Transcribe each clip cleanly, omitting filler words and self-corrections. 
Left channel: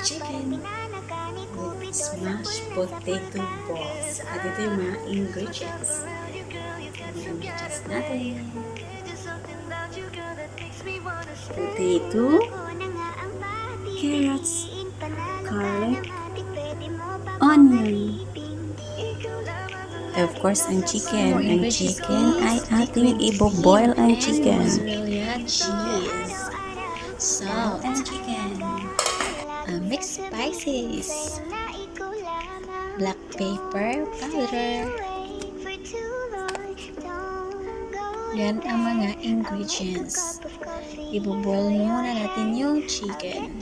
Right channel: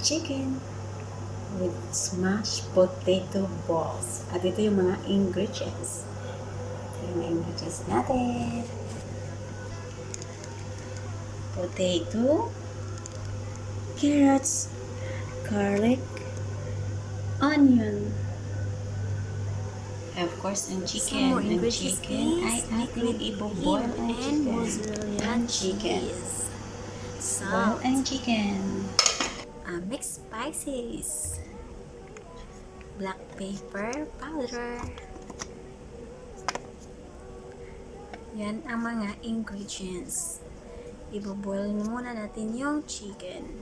chicken with smashed potato balls. At ito yung mga ingredients. Yung ingredients natin. Potato, carrots, garlic, onion. Of course, ang chicken. Ang chicken ay ating i-boil ang chicken. Mozarella cheese, Boil salt, ang chicken. mixed spices, black pepper powder. Yan ang mga ingredients. Ibo-boil muna natin yung chicken.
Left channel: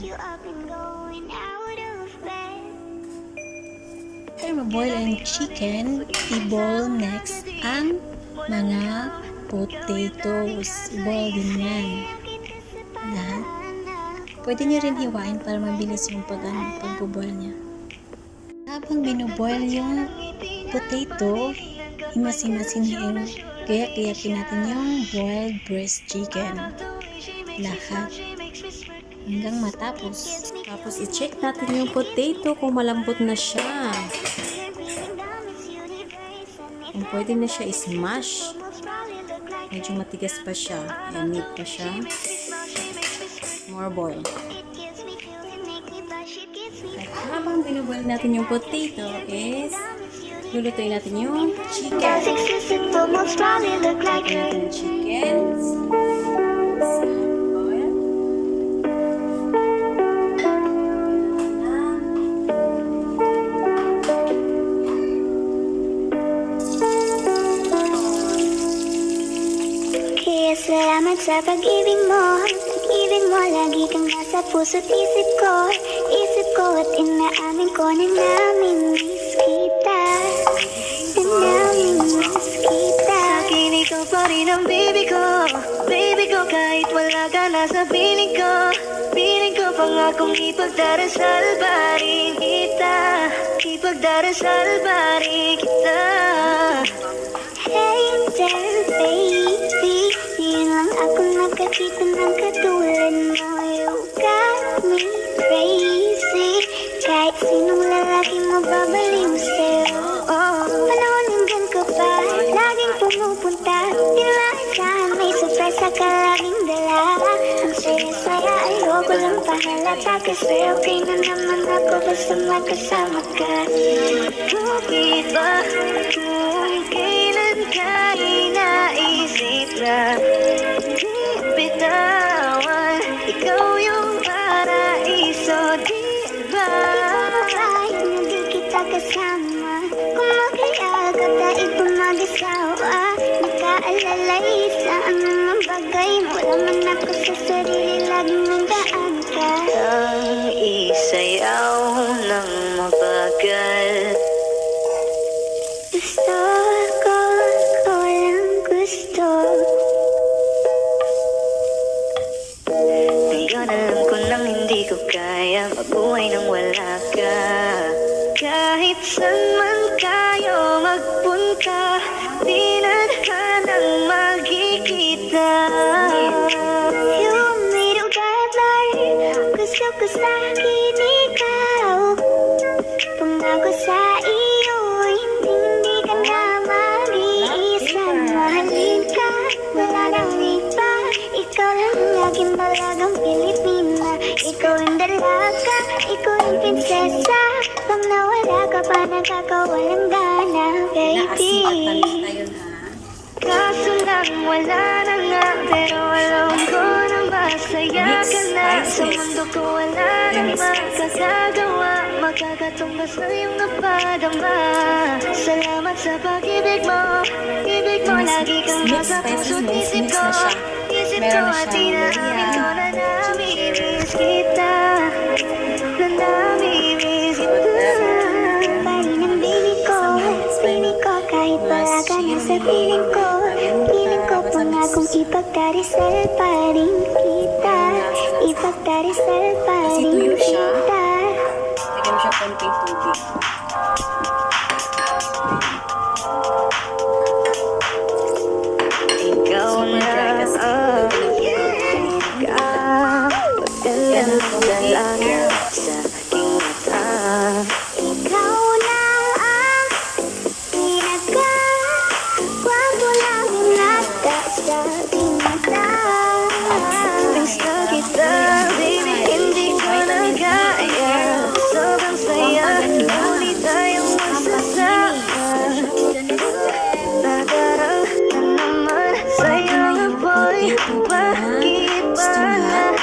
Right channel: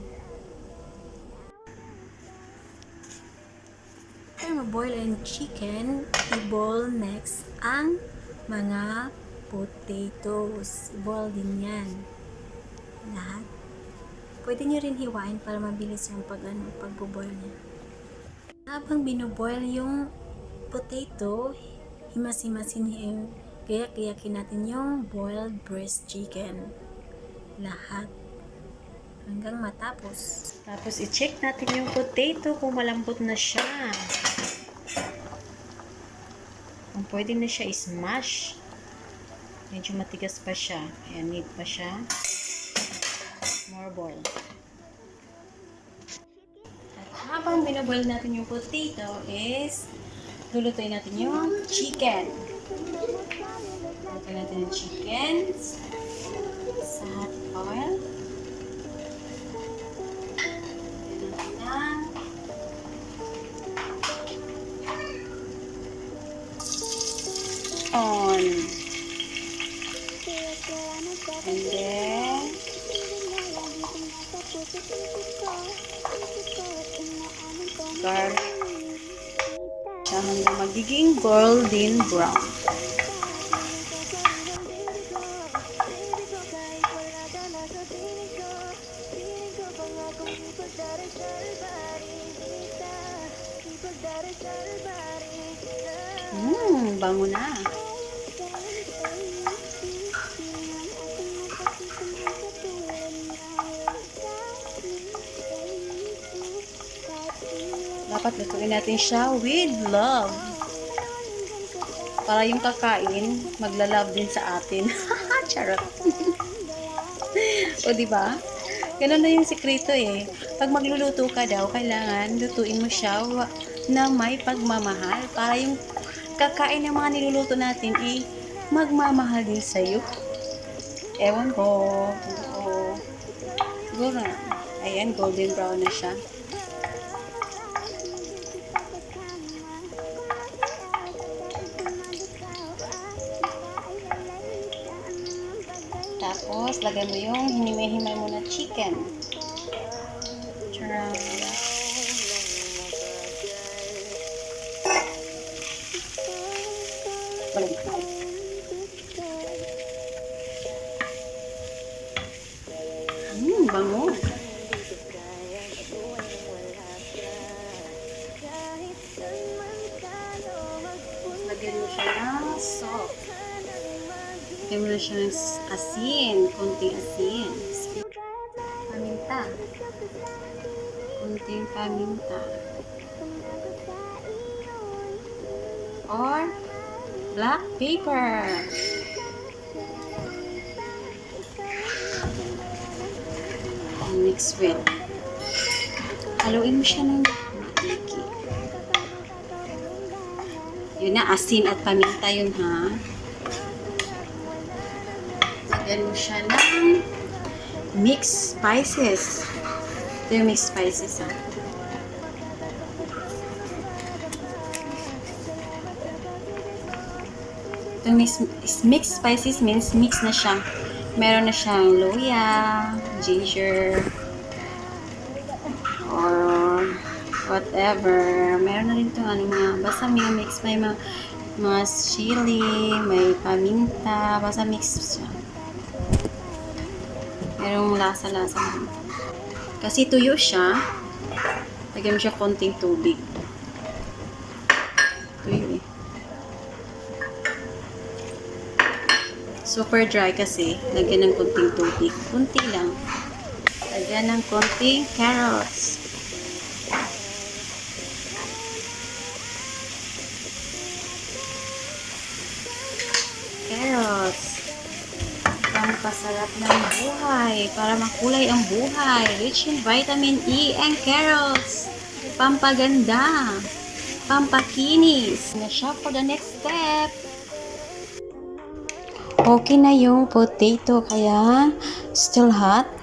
After ma-boil ang chicken, i-boil next ang mga potatoes. I-boil din yan. Lahat. Pwede nyo rin hiwain para mabilis yung pag-boil niya. Habang binoboil yung potato, himas-himasin yung gayak-gayakin natin yung boiled breast chicken. Lahat. Hanggang matapos. Tapos, i-check natin yung potato kung malambot na siya. Kung pwede na siya i-smash. Medyo matigas pa siya. Ayan, need pa siya. More boil. At habang binaboil natin yung potato is lulutuin natin yung chicken. Lulutuin natin yung chicken. Sa hot oil. Salamat sa pag-ibig mo. Pag-ibig mo, lagi kang nasa puso't isip ko. Isip ko at inaamin ko na namimiss kita. Magiging golden brown. Sa akin, ikaw pa rin ang baby ko. Baby ko, kahit wala ka na sa piling ko. Piling ko pangakong ipagdarasal pa rin kita. Ipagdarasal pa rin kita. Bango na. Hey there, baby. Ngayon lang ako nakakita ng katulad mo. You got me crazy. Kahit sinong lalaki mo Natin siya with babalinsin. love. Panahon hanggang ka pa. Para yung Laging kakain, pumupunta. maglalove din sa atin. May surprise ka laging dala. O, diba? Ganun na yung sekreto eh. Pag magluluto ka daw, kailangan lutuin siya na may pagmamahal. Kakain ng mga niluluto natin ay magmamahal din sa'yo. Ewan ko. Ikaw yung paraiso, diba? Kahit na di kita kasama, kung mag-ial ka dahil mag-asawa, nakaalalay sa anumang bagay, walang ako sa sarili, laging nandaan ka. Ang isayaw ng mabagal, gusto ko lang gusto. Ngayon alam ko nang hindi ko kaya mabuhay nang wala ka. Kahit saan man tayo magpunta, di na nang magkikita. You made a guideline, gusto ko sa'kin ikaw. Pangako sa iyo, hindi ka na mag-iisa. Mahalin ka, wala nang iba. Ikaw lang laging malagang Pilipina. Ikaw ang dalaga, ikaw ang prinsesa. Pag nawala ka pa, nakakawalang gana. Inaasin at paminta yun ha. Kaso lang wala na nga, pero alam ko na masaya Mixed ka na. spices. Sa mundo ko wala Ito yung na mixed spices. magagawa. Magkakatumbas na iyong napadama. Salamat sa pag-ibig mo. Ibig Yung mo lagi kang mixed spices means mix na siya. Meron na siyang luya, ginger, whatever. Meron ito basta may mix pa yung mas chili, may paminta, basta mix. Merong lasa-lasa. Kasi tuyo siya, lagyan mo siya konting tubig. Super dry kasi lagyan ng konting tubig. Kunti lang. Lagyan ng konting carrots. Ikaw lang ang Buhay, para makulay ang buhay. Rich in vitamin E and carrots. Pampaganda. Pampakinis. Na siya for the next step. Okay na yung potato, kaya still hot.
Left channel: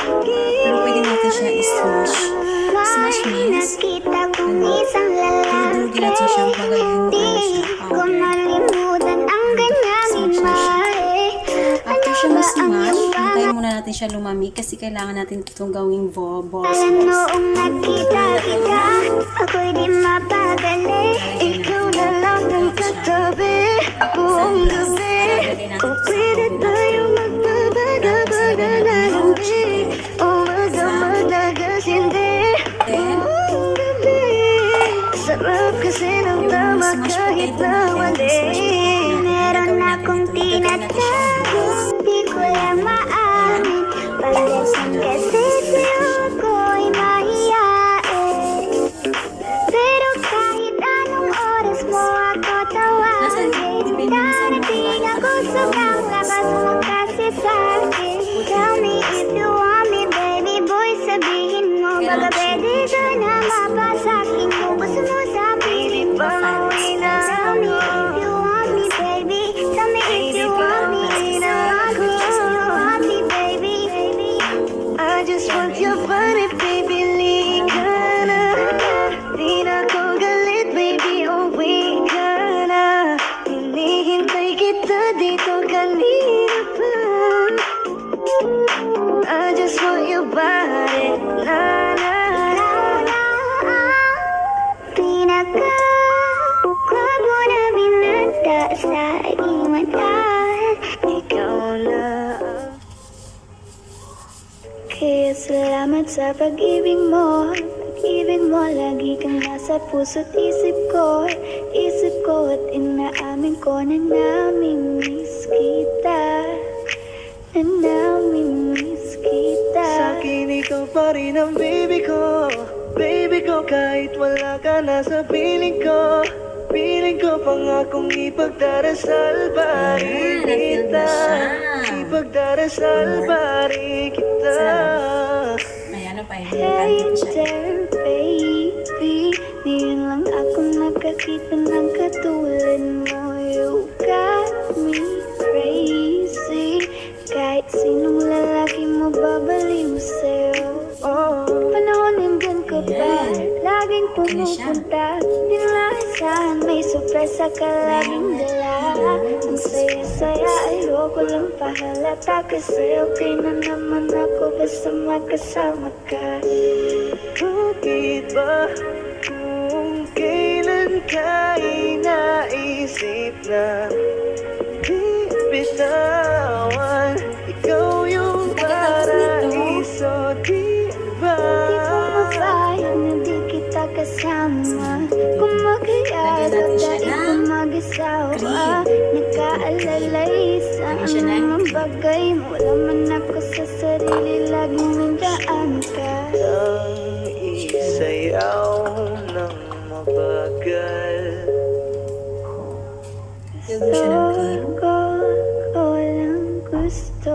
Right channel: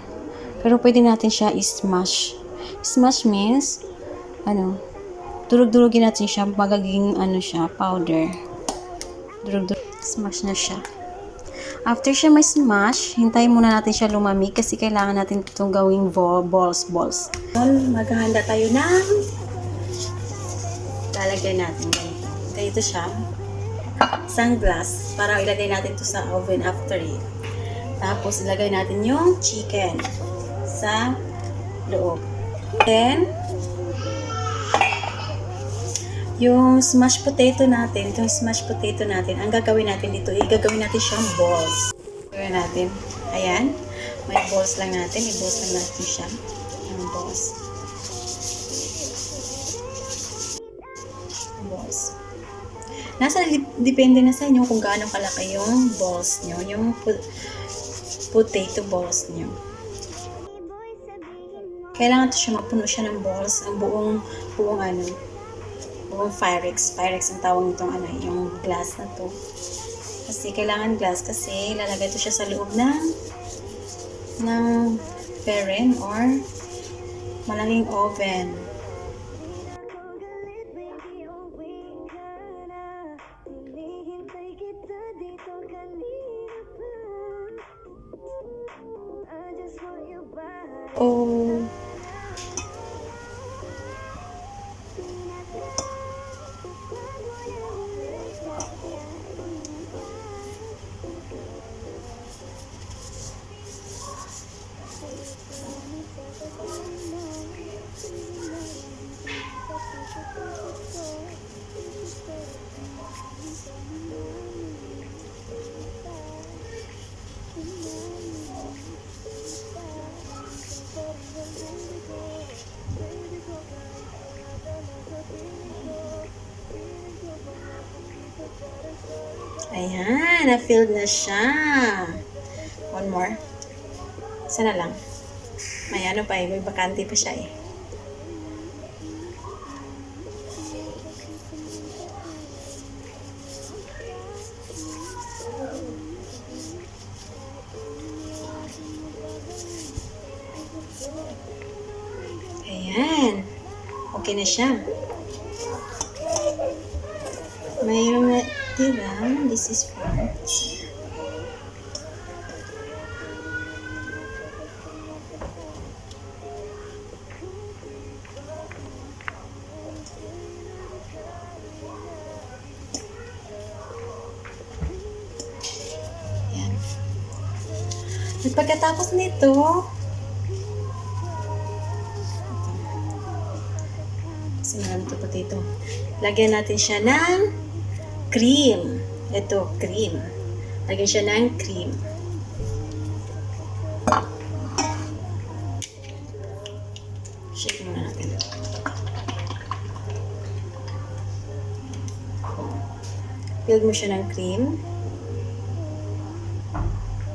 Pero pwede natin siya i-smash. Smash means, durug-durugin natin siya, magiging powder. Smash na siya. After siya ma-smash, hintayin muna natin siya lumamig kasi kailangan natin itong gawing balls. Naghahanda tayo na. Lalagyan natin. Ito siya. Isang glass para lagyan natin ito sa oven after. Tapos lagyan natin yung chicken sa then yung smashed potato natin, ang gagawin natin ito, igagawin natin siyang balls. Gawin natin, ayan, balls na natin siya. Depende na sa inyo kung gaano kalaki yung balls nyo, yung potato balls nyo. Kailangan siya magpuno siya ng balls, yung buong yung Pyrex ang tawag nito, yung glass nito. Kasi kailangan glass kasi lalagay ito siya sa loob ng tereng or maraming oven. Kaya salamat sa pag-ibig mo. Pag-ibig mo, lagi kang nasa puso't isip ko at inaamin ko na namimiss kita. Sa'kin ikaw pa rin ang baby ko kahit wala ka na sa piling ko pangakong ipagdarasal pa rin Ayan, na-feel na siya. ipagdarasal pa rin kita. Sana lang. May ano pa, yung bakante pa siya eh. Baby, ngayon lang ako nakakita ng katulad mo. You got me crazy. Kahit sinong lalaki mo babaliw sa'yo. Panahon nandun ko pa. Ayan. Laging Okay na siya. pumupunta. Di maasahan may sorpresa ka Mayroong lang. natira. This is for Saya ayoko lang pahalata kasi okay na naman ako basta magkasama ka. Bakit ba kung kailan ka inaisip na di bitawan? Ikaw yung Pagkatapos nito, paraiso, di ba? Mabaya na di kita kasama. lagyan natin siya ng cream. Ito, cream. Lagyan siya ng cream. Wala man ako sa sarili, laging nandaan ka. Ang isayaw ng mabagal. Lagyan mo siya ng cream. Walang gusto.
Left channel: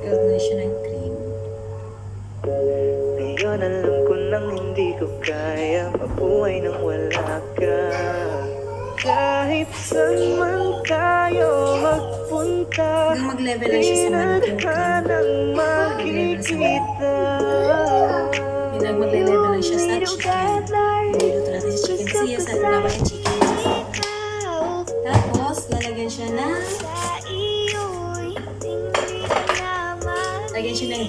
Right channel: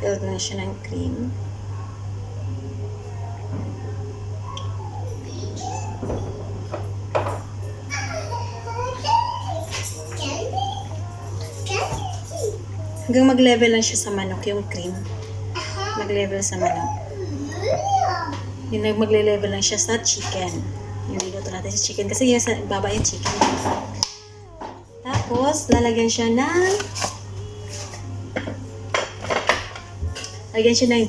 Lagyan mo siya ng cream. Ngayon alam ko nang hindi ko kaya mabuhay nang wala ka. Kahit saan man tayo magpunta, Hanggang mag-level lang siya sa manok yung cream. Mag-level sa manok. Yung mag-level lang siya sa chicken. Niluluto natin sa chicken kasi yung sa baba yung chicken. Tapos, lalagyan siya ng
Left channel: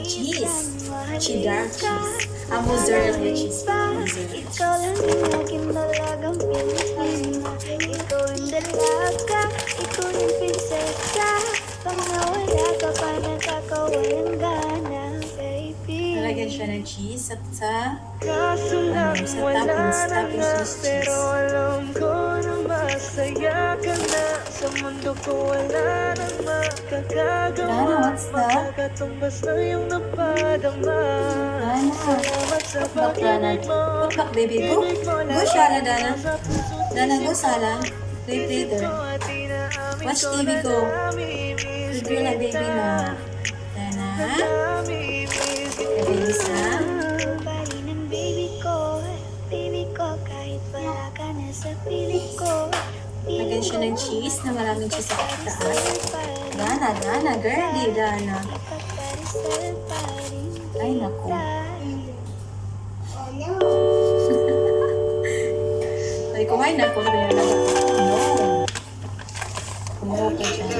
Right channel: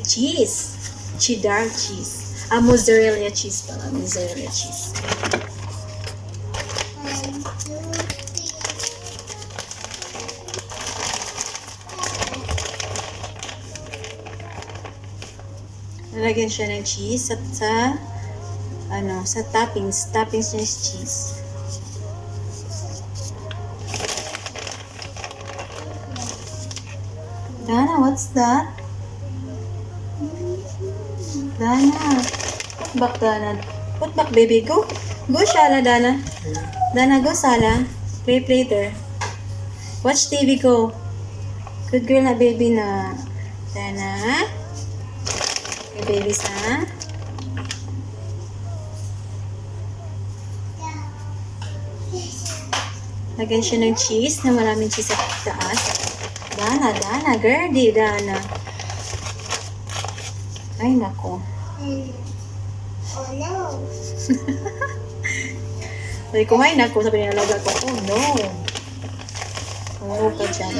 cheese. Cheddar cheese. Mozzarella cheese. Mozzarella cheese. Lalagyan siya ng cheese at sa toppings ng cheese. alam ko na masaya ka na. Sa mundo ko wala nang makakagawa. Dana, what's that? Katumbas na yung napay. Dana. Put back, Dana. Put back, baby. Go. Go, Shala, Dana. Dana, go, Sala. Play later. Watch TV, go. Good girl na, baby na. Dana. Okay, babies na. Lagyan siya ng cheese na maraming cheese sa taas. Dana, Dana. Girly, Dana. Ay, nako. Oh no. Sabi ko, ay, nako. Sabi niya nalaga ko. Oh, no. Tumuro ka dyan.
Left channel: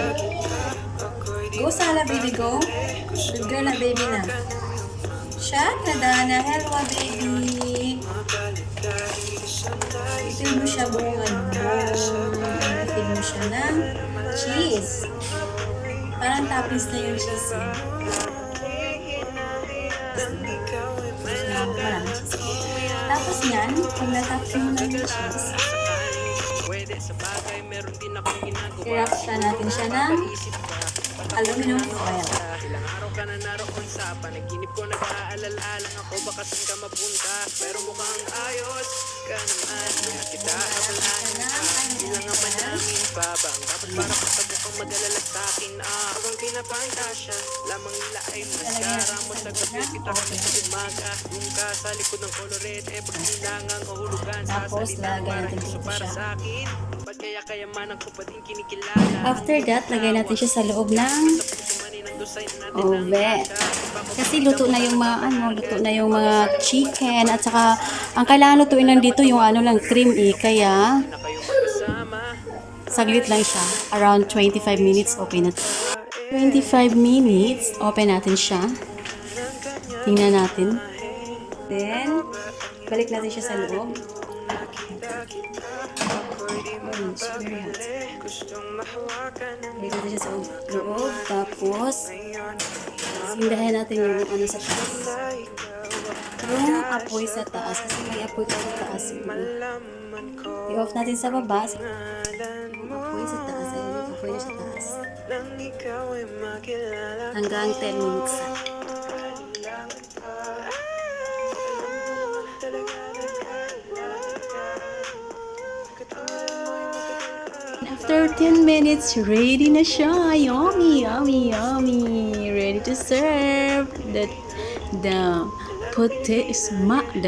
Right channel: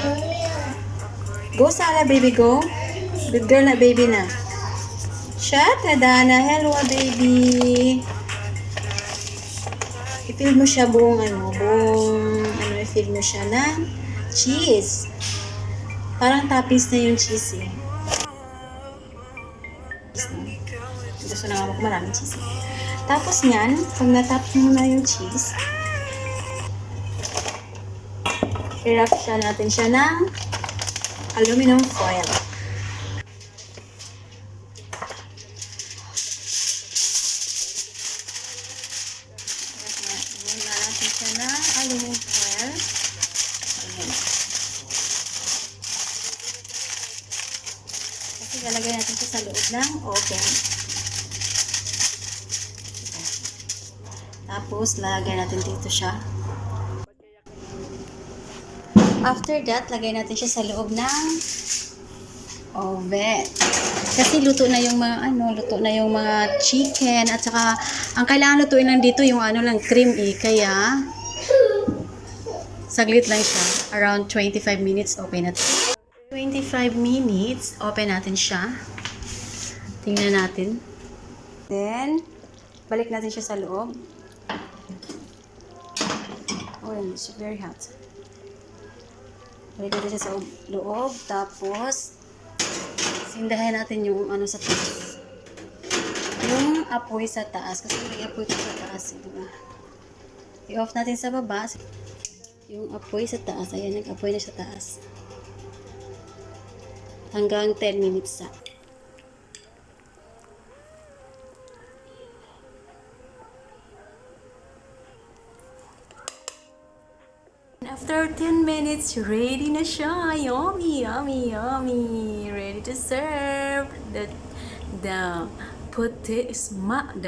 Go, Sala, baby, go. Big girl na, baby na. Shut na, Dana. Hello, baby. I-fill mo siya buong i-fill mo siya ng cheese. Parang toppings na yung cheese, eh. Gusto na ako maraming cheese. Tapos niyan, pag natapin mo na yung cheese, i-wrap siya natin siya ng aluminum foil. Ilalagay natin siya sa loob ng oven. Tapos, lalagyan natin dito siya. After that, lagay natin siya sa loob ng oven. Kasi luto na yung mga chicken at saka ang kailangan lutuin lang dito yung lang cream kaya saglit lang siya. Around 25 minutes, okay na to. 25 minutes, open natin siya. Tingnan natin. Then, balik natin siya sa loob. Oh, it's very hot. Balik natin siya sa loob. Tapos, sindahan natin yung sa taas. Yung apoy sa taas. Kasi may apoy pa sa taas. I-off natin sa baba. Yung apoy sa taas. Ayan, yung apoy na sa taas. Hanggang 10 minutes sa. After 10 minutes, ready na siya. Yummy, yummy, yummy. Ready to serve. The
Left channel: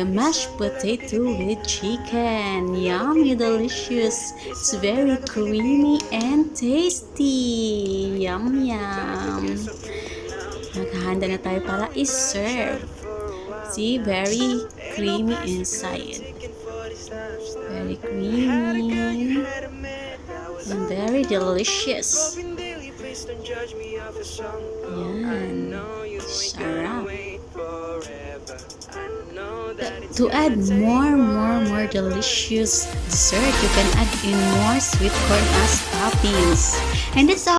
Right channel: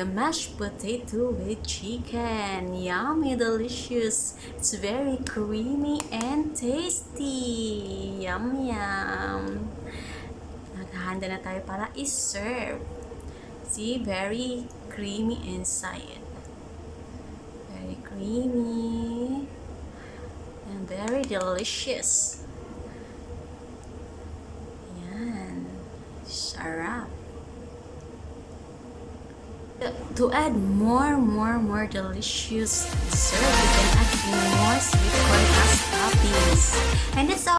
mashed potato with chicken. Yummy, delicious. It's very creamy and tasty. Yum, yum. Naghahanda na tayo para i-serve. See, very creamy inside. Very creamy. And very delicious. Yan. Sarap. To add more delicious dessert, you can add in more sweet corn as toppings. And that's all.